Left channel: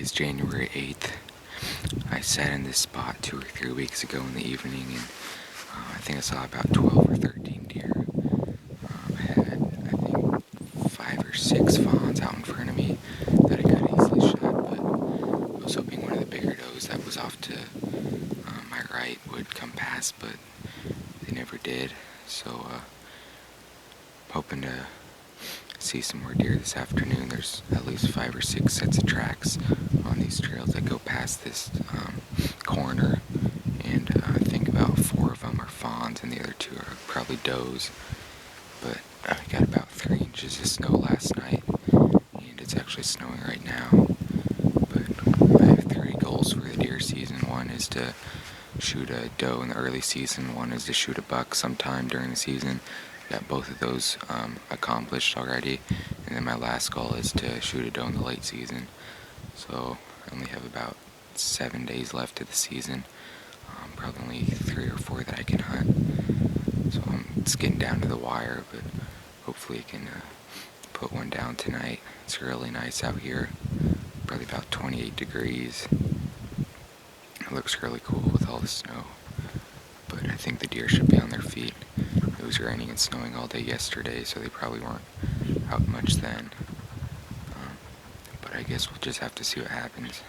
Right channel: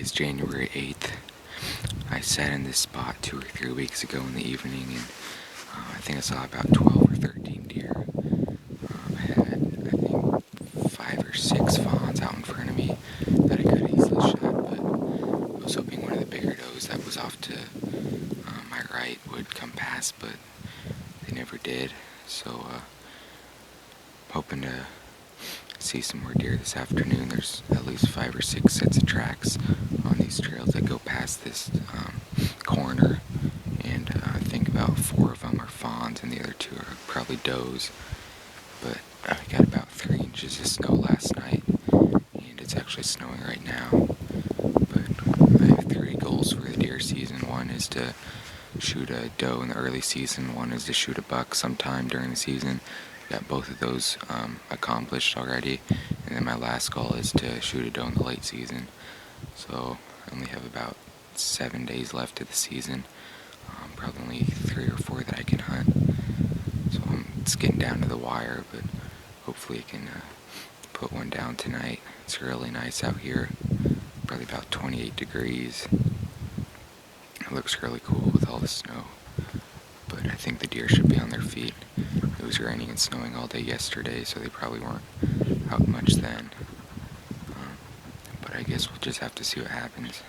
is January 8th. I sat in this spot 2 or 3 weeks ago in the evening, and I think I saw about 12 or 13 deer. I had, I think, 5 or 6 fawns out in front of me that I could have easily shot, but I was hoping one of the bigger does that was off to my right would come past, but they never did. So, hoping to see some more deer this afternoon. There's at least 5 or 6 sets of tracks on these trails that go past this corner, and I think about 4 of them are fawns and the other 2 are probably does. But I got about 3 inches of snow last night, and it's actually snowing right now. But I have 3 goals for the deer season. One is to shoot a doe in the early season. One is to shoot a buck sometime during the season. Got both of those accomplished already, and then my last goal is to shoot a doe in the late season. So I only have about 7 days left of the season, probably only 3 or 4 that I can hunt. So it's getting down to the wire, but hopefully I can put one down tonight. It's really nice out here, probably about 28 degrees. It looks really cool with all the snow, but I think the deer should be on their feet. It was raining and snowing all day yesterday, so they probably weren't out much then. But I guess we'll just have to see what happens.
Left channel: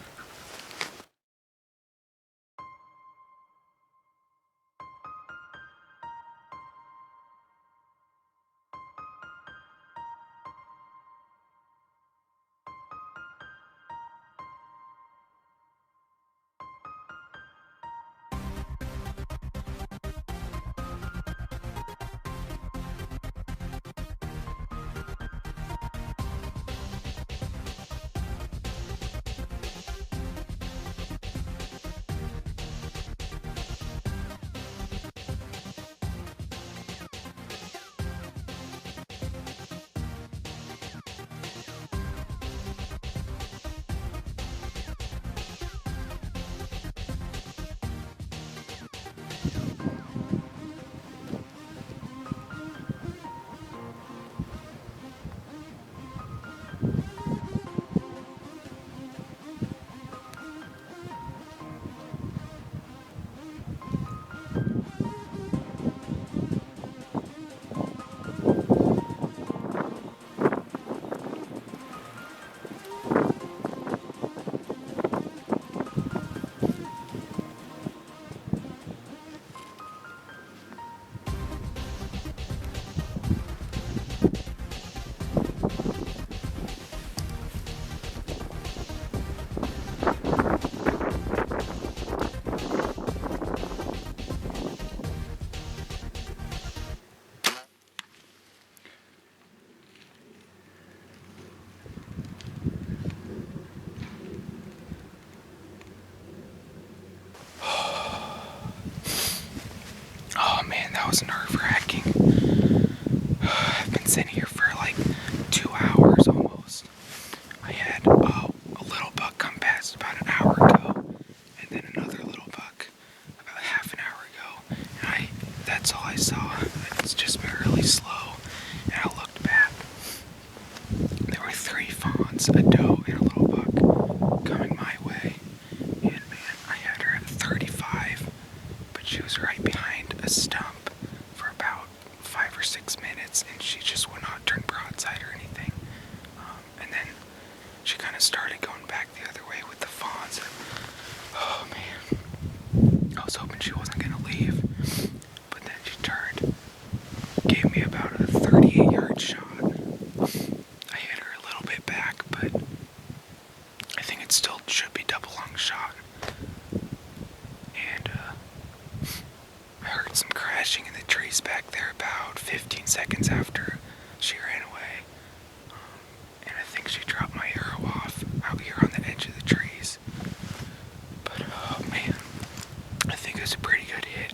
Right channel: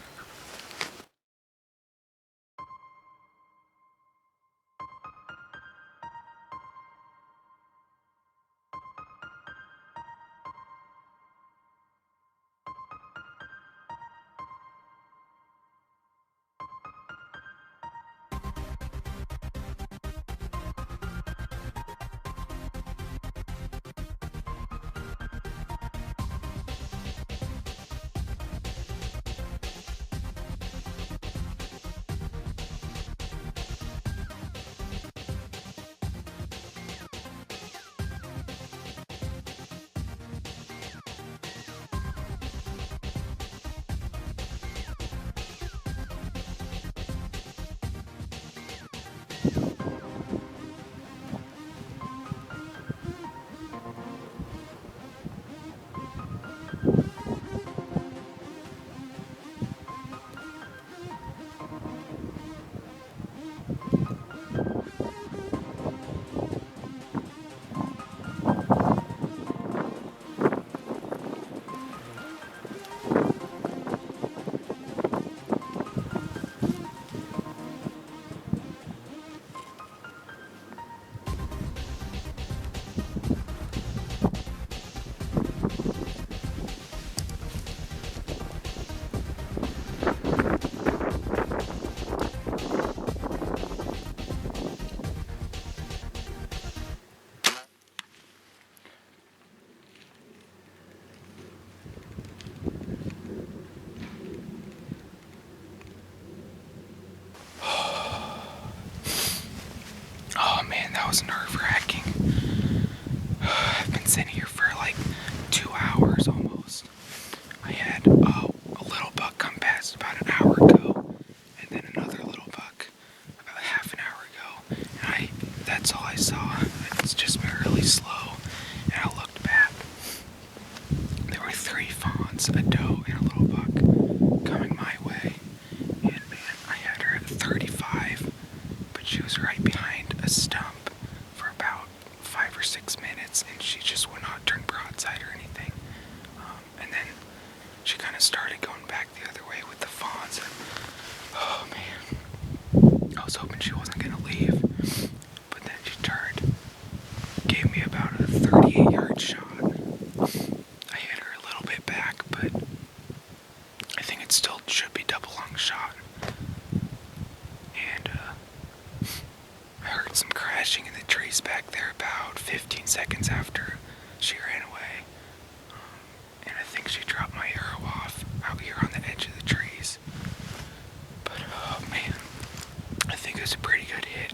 Oh man, that was nerve-wracking. I've been sitting here for like 2 hours almost. I had a little buck come past about an hour ago, and then another little buck about half an hour ago. And that's all I saw. It's just been really slow. And I looked back. There were 3 fawns, a doe, and a little buck coming my way. And man, I had her at 35, but she was right behind a stump for about 5 or 6 minutes, and she just would not turn broadside or anything. And then she kind of started going back the other way with the fawns. Oh man, I was hoping she wasn't going to leave, but then she turned, gave me about a 38-yard shot. I hit her a little bit back, but I think it still should be double lung shot. And I heard some crashing in the trees back there about 15 seconds after she ran away. And I think she dropped my arrow off out here on the edge of the trees. But oh man, I think it was a pretty good hit.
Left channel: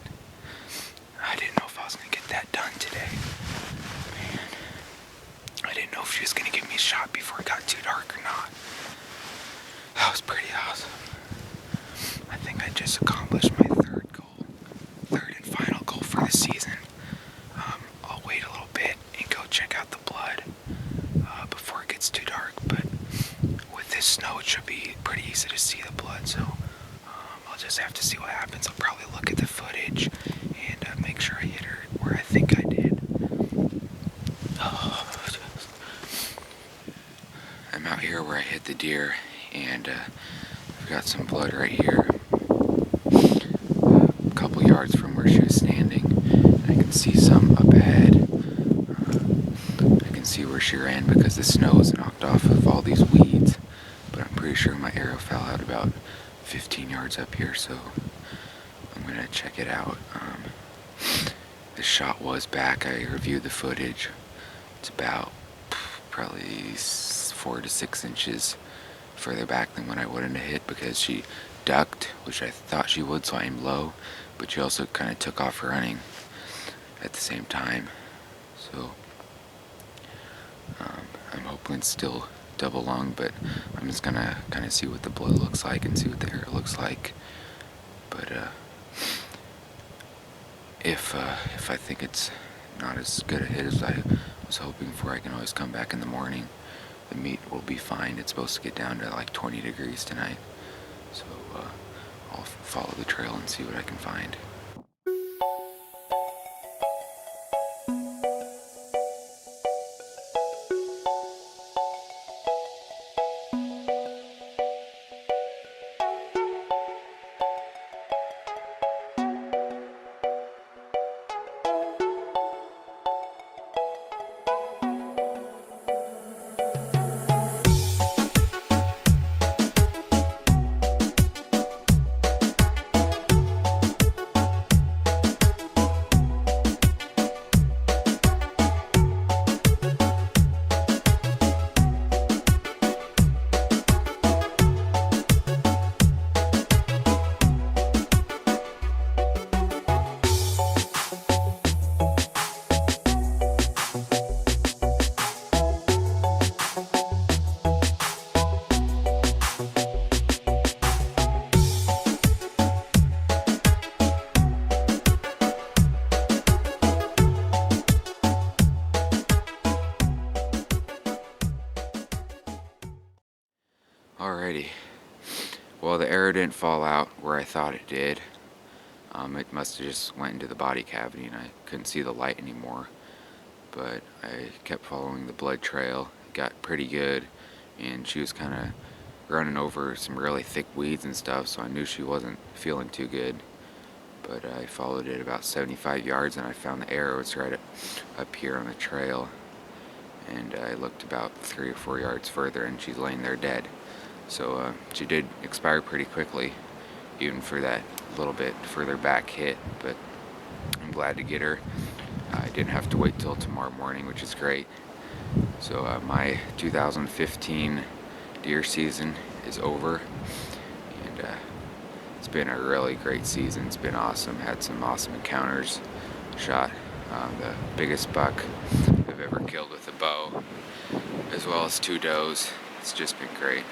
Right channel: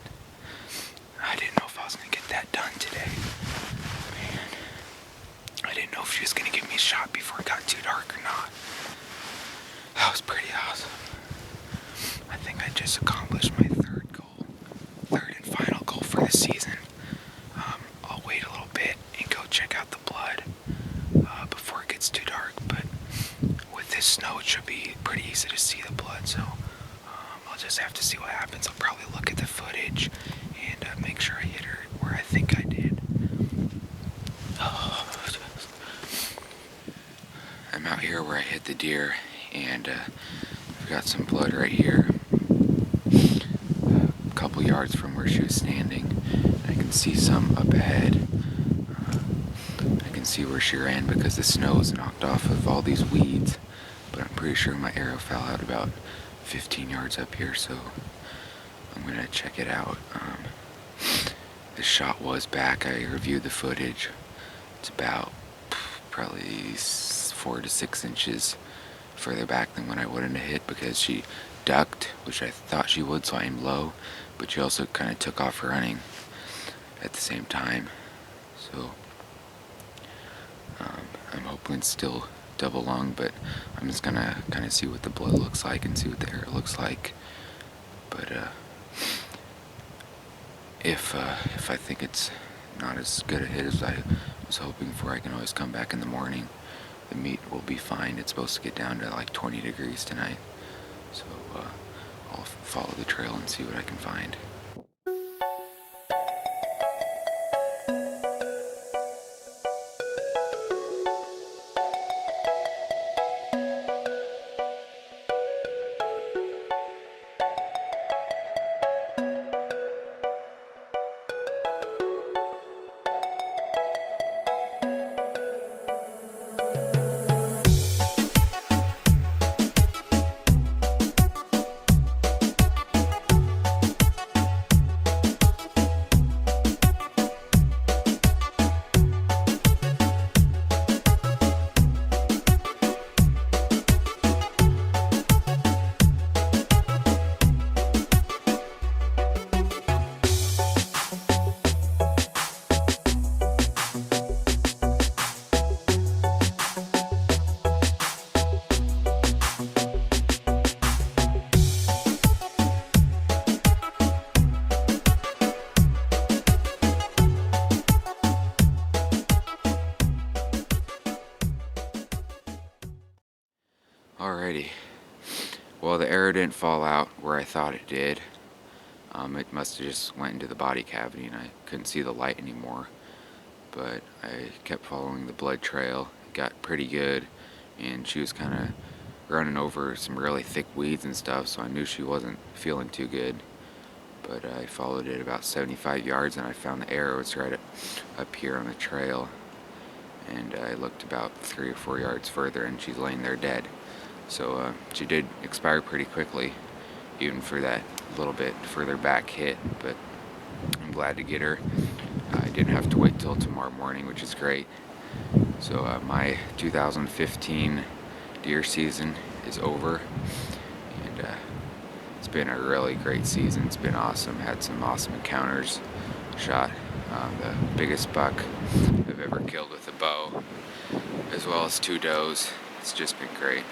I didn't know if I was going to get that done today. Man, I didn't know if she was going to give me a shot before it got too dark or not. That was pretty awesome. I think I just accomplished my third and final goal for the season. I'll wait a little bit and go check out the blood before it gets too dark, but with this snow it should be pretty the deer, and I've got some blood right here, a couple yards from where she was standing. I can see some up ahead. I can see where she ran because the snow is knocked off of all these weeds, but I'm pretty sure my arrow fell out about 15 yards up here, so I'm gonna check it out. The shot was back. I reviewed the footage. It's about probably 4 to 6 inches further back than what I would have hit, because she ducked, which I thought she would, so I aimed low, but she also kind of took off running at the same time. So I'm hoping it's still double lung, but I'm just gonna kind of see what the blood looks like and see what the arrow looks like. But if I think it's not as good a hit as I was hoping for, I can always come back in the morning. The meat will be fine. It's supposed to get down to like 20 degrees tonight, so I'll follow the trail and see what I can find. Alrighty. Well, the arrow didn't fall out where I thought it did. It must have just went into the body cavity and I couldn't see the light anymore. But I kept following the blood trail. It got pretty good, and she was kind of running over some really thick weeds and stuff, so I knew she wasn't feeling too good. But I followed it about 75 yards and I found the arrow. It's right up here on the trail. And I looked about 3 or 4 yards further and she's laying there dead. So she did expire pretty quickly, even for that little bit further back hit, but I'm glad to get her. I didn't have to wait till tomorrow morning, which is great. So my 2015 deer season is over, and it's been a really great season. It's been awesome. Had some awesome encounters. Shot the biggest buck I've ever killed with a bow, as well as 2 does. It's just been great.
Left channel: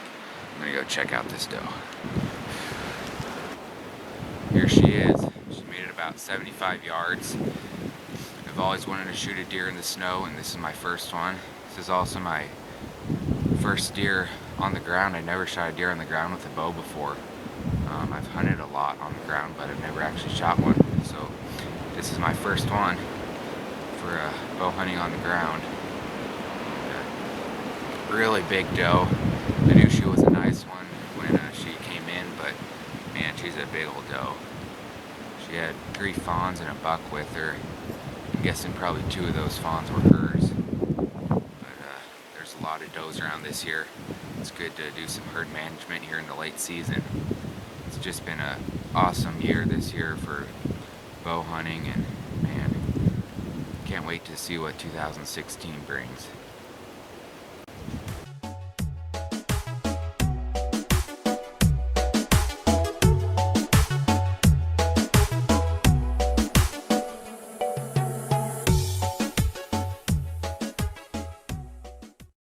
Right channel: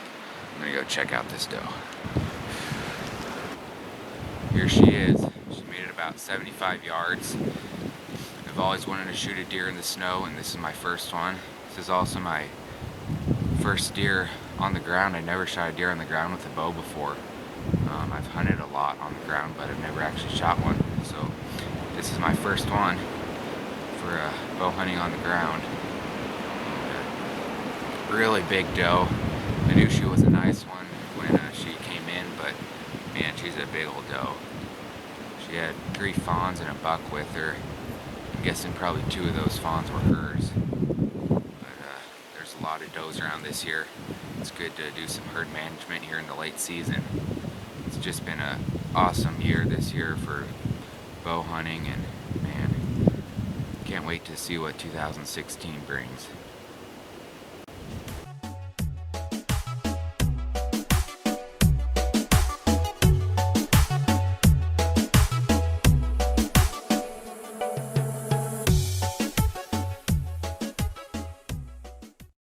I'm gonna go check out this doe. Here she is. She made it about 75 yards. I've always wanted to shoot a deer in the snow, and this is my first one. This is also my first deer on the ground. I never shot a deer on the ground with a bow before. I've hunted a lot on the ground, but I've never actually shot one. So this is my first one for bow hunting on the ground. Really big doe. I knew she was a nice one when she came in, but man, she's a big old doe. She had 3 fawns and a buck with her. I'm guessing probably 2 of those fawns were hers. But there's a lot of does around this year. It's good to do some herd management here in the late season. It's just been an awesome year this year for bow hunting, and man, can't wait to see what 2016 brings.